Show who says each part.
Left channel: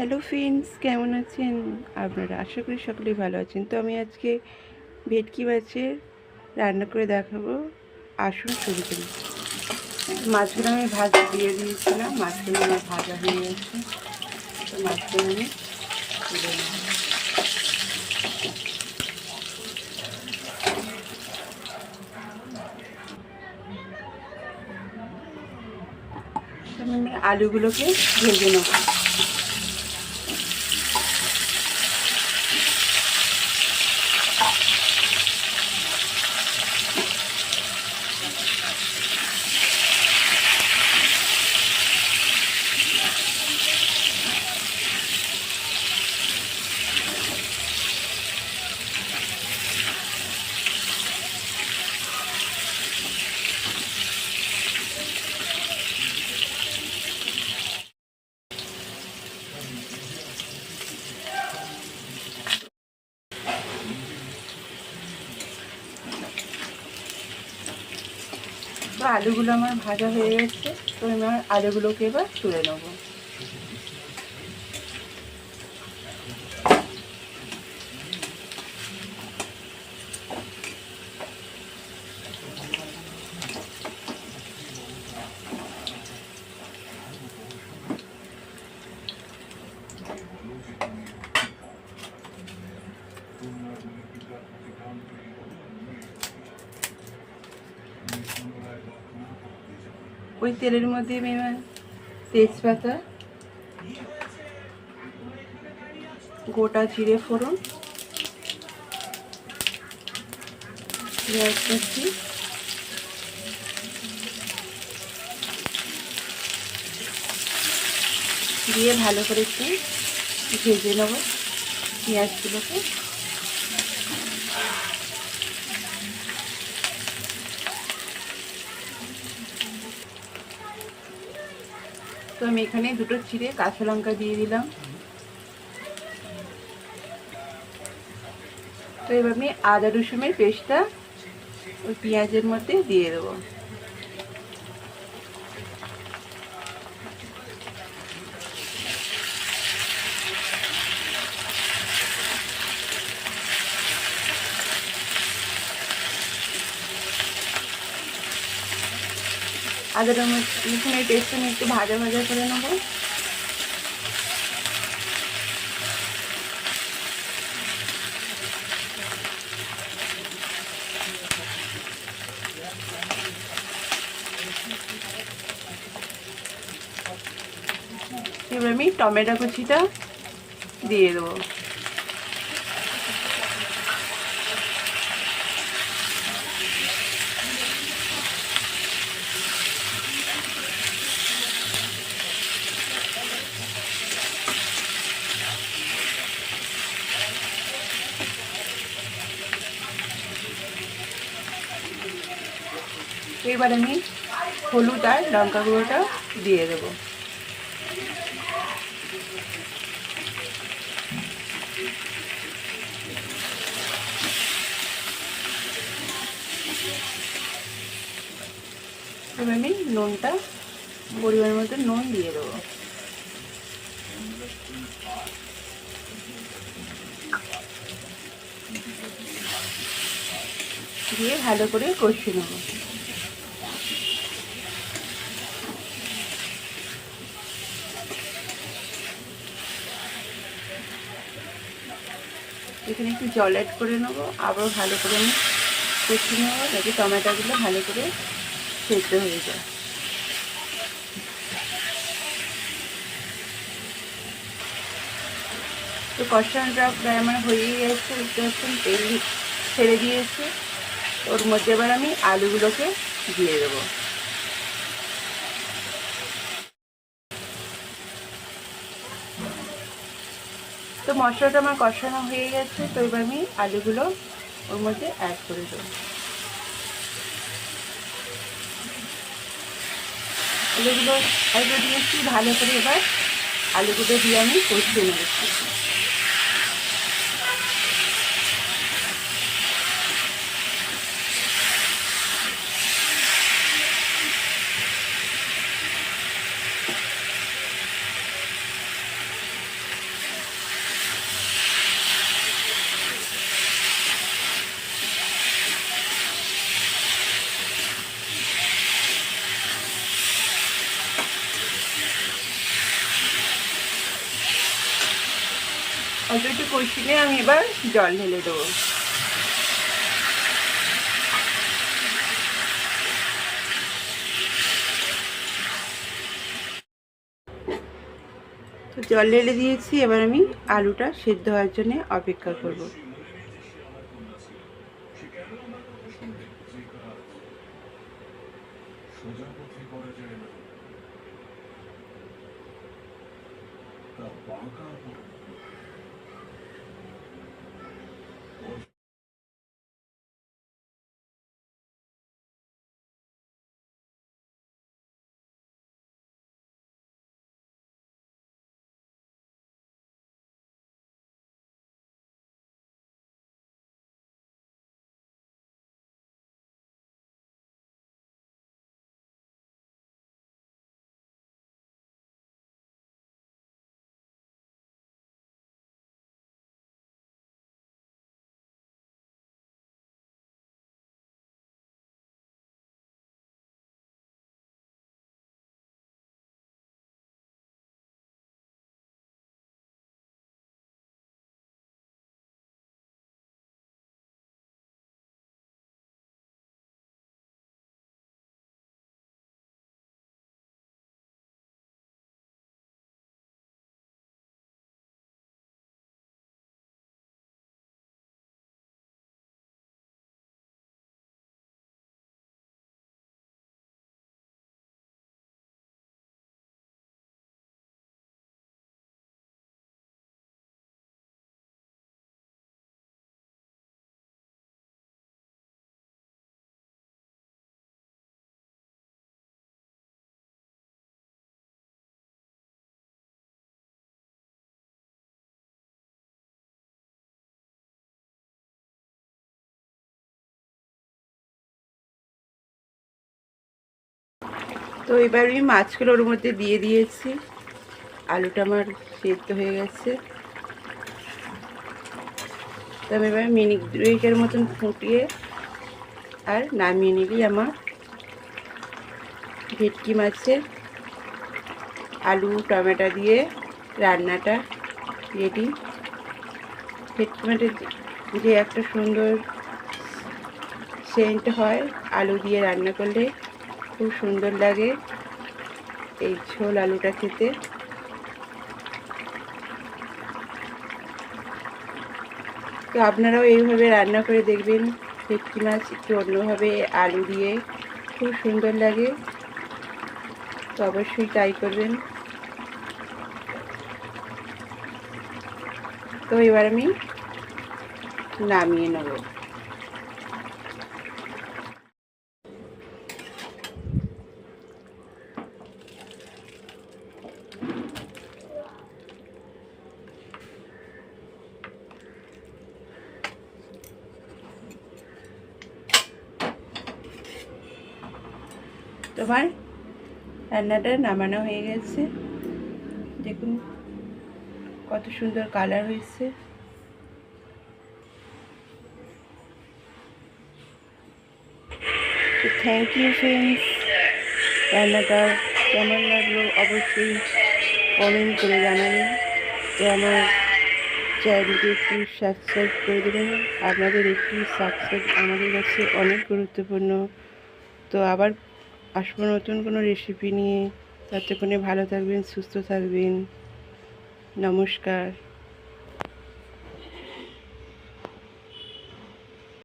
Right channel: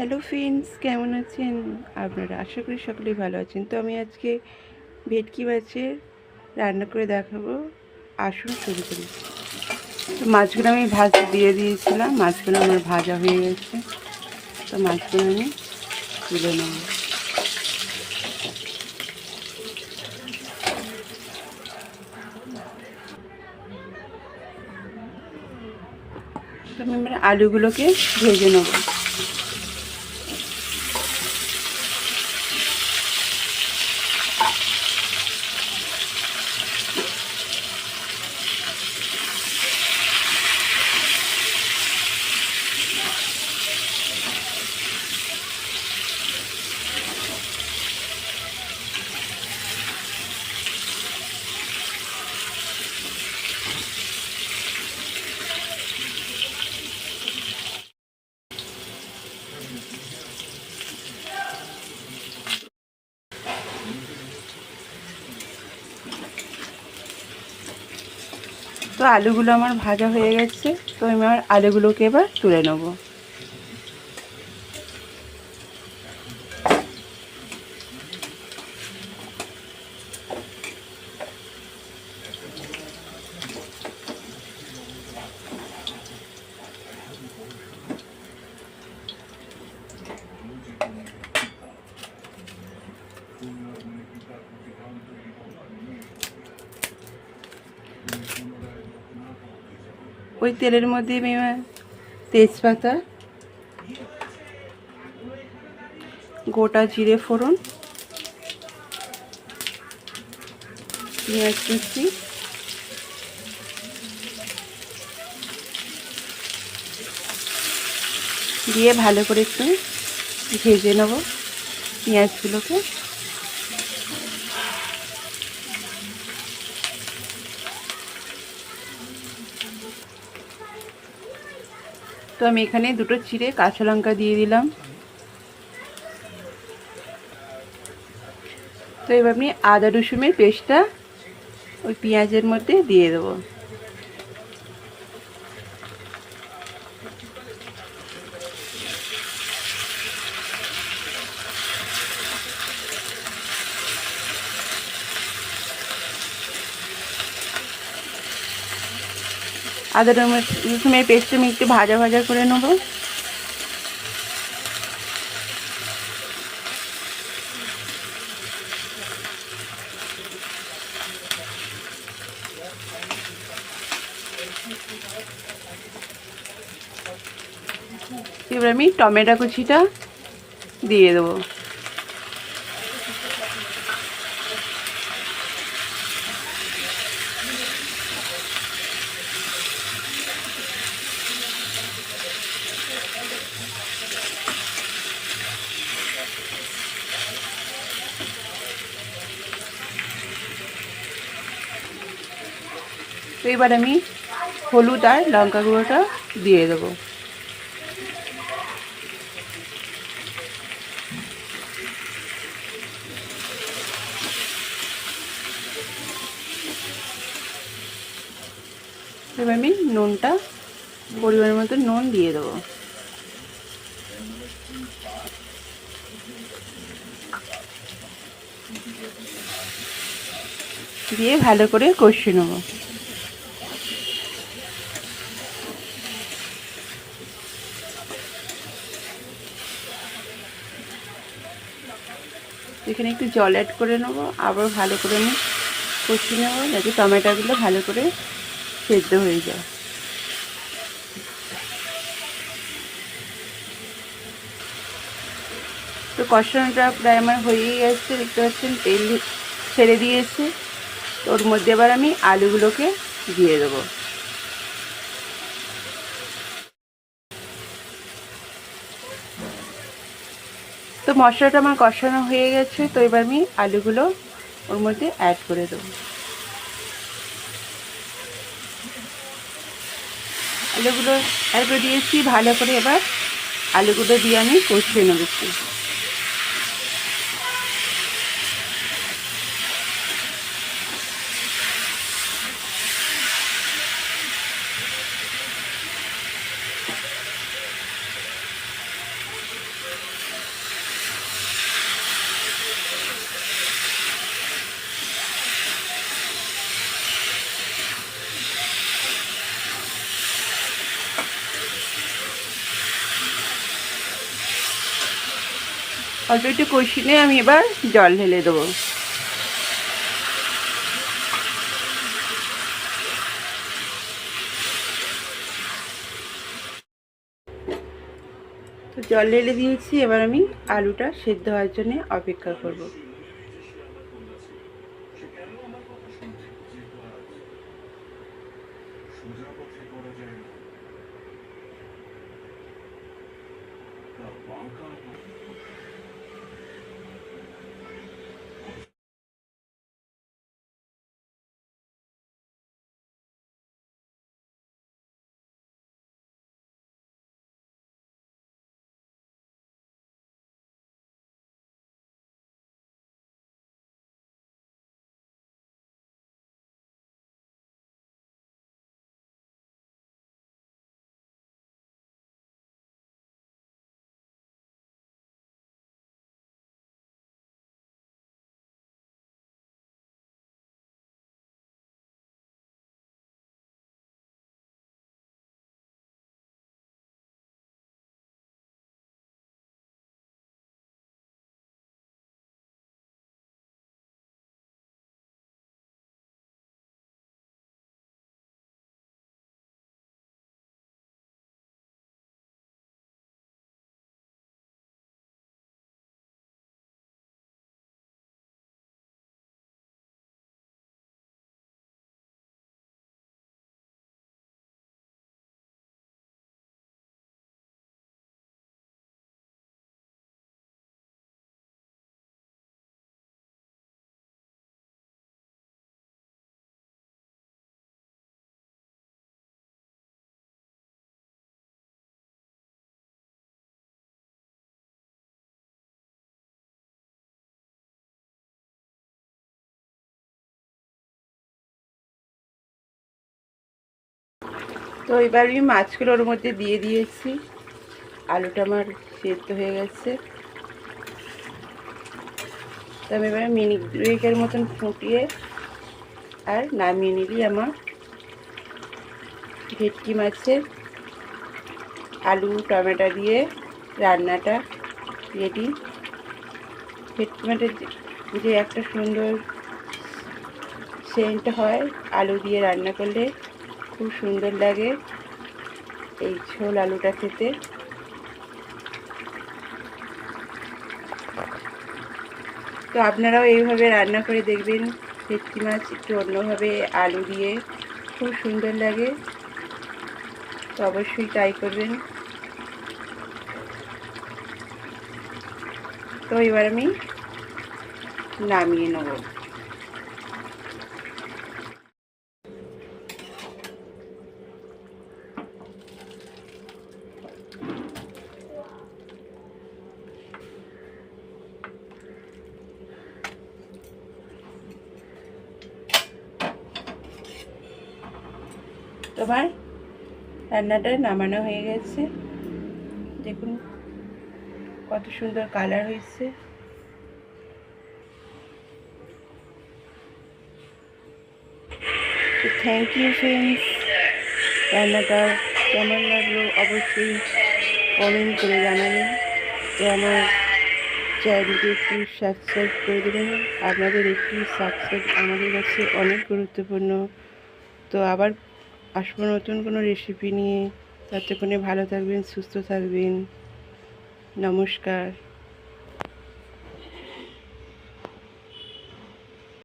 Speaker 1: Hello friends কেমন আছেন? আপনারা আশা করি সকলেই ভালো আছেন। তো আমি আজকে ভেটকি মাছের রান্না করে দেখাবো। আসুন শুরু করি। মাছগুলো আমি ভাজ দিয়ে দিয়েছিলাম। মাছগুলো আমার ভাজা হয়ে গেছে। তো মাছগুলো আমি তুলে নেব। আমি আলুগুলোকে ভেজে নেব। আলুগুলো আমার ভাজা হয়ে গেছে তো আমি আমার আলুগুলোকে এবার তুলে নেব। ওই তেলের মধ্যে এবার তেজপাতা, গোটা জিরে ফোড়ন, পেঁয়াজ কুচি, দিয়ে ভালো করে একটু ভেজে নেব পেঁয়াজগুলোকে। তো আমি এখানে দুটো চিড়ে কাঁচা লঙ্কা দিয়ে দিলাম। তো এবার আমি আদা রসুনের পেস্টটা ওই পেঁয়াজের মধ্যে দিয়ে দেবো। আদা রসুনের পেস্ট আমি একটু ভাজা ভাজা করে নেব। এবার আমি টমেটো কুচিটা দিয়ে দেবো। এবার আমি হলুদ আর লঙ্কা গুঁড়োটা দিয়ে দেবো। এবার আমি নুনটা পরিমাণের মতো নুন দিয়ে দেবো। দিয়ে ভালো করে কষিয়ে নেব। এখানে একটু জল অ্যাড করে নেব। আবার ভালো করে আমি কষিয়ে নেব যাতে টমেটোগুলো ভালো করে সেদ্ধ হয়ে যায়। তো কষানোটা প্রায় আমার হয়েই গেছে, দেখতে পাচ্ছেন? তেল ছেড়ে দিয়েছি। ওর মধ্যে এবার আমি আলুগুলোকে দিয়ে দেবো। তো মশলাটা আমার কষানো হয়ে গেছে, তো এবার আমি আলুগুলো ওর মধ্যে অ্যাড করে দেব। আলুগুলো অ্যাড করে দিয়েছি, ভালো করে এবার আলুগুলো দিয়ে আমি কষিয়ে নেবেছি অল্প একটু নিয়ে আমি এবার জল ঢেলে দেবো। তো জল ঢেলে দিয়েছি, এবার আমি আলুটা সেদ্ধ হওয়ার জন্য অপেক্ষা করব। তো এবার আমি মাছগুলো ওর মধ্যে দিয়ে দিয়েছি। আলুটা আমার সেদ্ধ হয়ে গেছে। তো আমি এবার মিনিট দুয়েকের মতন ফুটিয়ে আর নামিয়ে নিলি আমার ভেটকি মাছের আলু, টমেটো দিয়ে রান্নাটা রেডি। ভেটকি মাছের যে একটা সুন্দর সেন্ট হয়, আলু দিয়ে রান্না করলে খুব সুন্দর লাগে এই ঝোল আলুটা খেতে। তো আপনারাও এইভাবে রান্না করে দেখবেন, ভেটকি মাছ একটু অন্যভাবে আলু দিয়ে, খুব সুন্দর লাগে। তো অবশ্যই ট্রাই করবেন। তো এবার আমি নামিয়ে নেব। তোমার রান্নাটা নামানো হয়ে গেছে। দেখুন কত সুন্দর কালার হয়েছে। থ্যাংক ইউ ফ্রেন্ডস রান্নাটা কেমন লাগল অবশ্যই কমেন্ট করে জানাবেন। তো আমার চ্যানেলকে একটু সাবস্ক্রাইব করে দেবেন। আপনাদের একটু সাবস্ক্রাইব আমাদের কাছে অনেক গুরুত্বপূর্ণ। তো আবার আসব নতুন কোনো রেসিপি নিয়ে। ততক্ষণে ভালো থাকবেন সুস্থ থাকবেন। নমস্কার।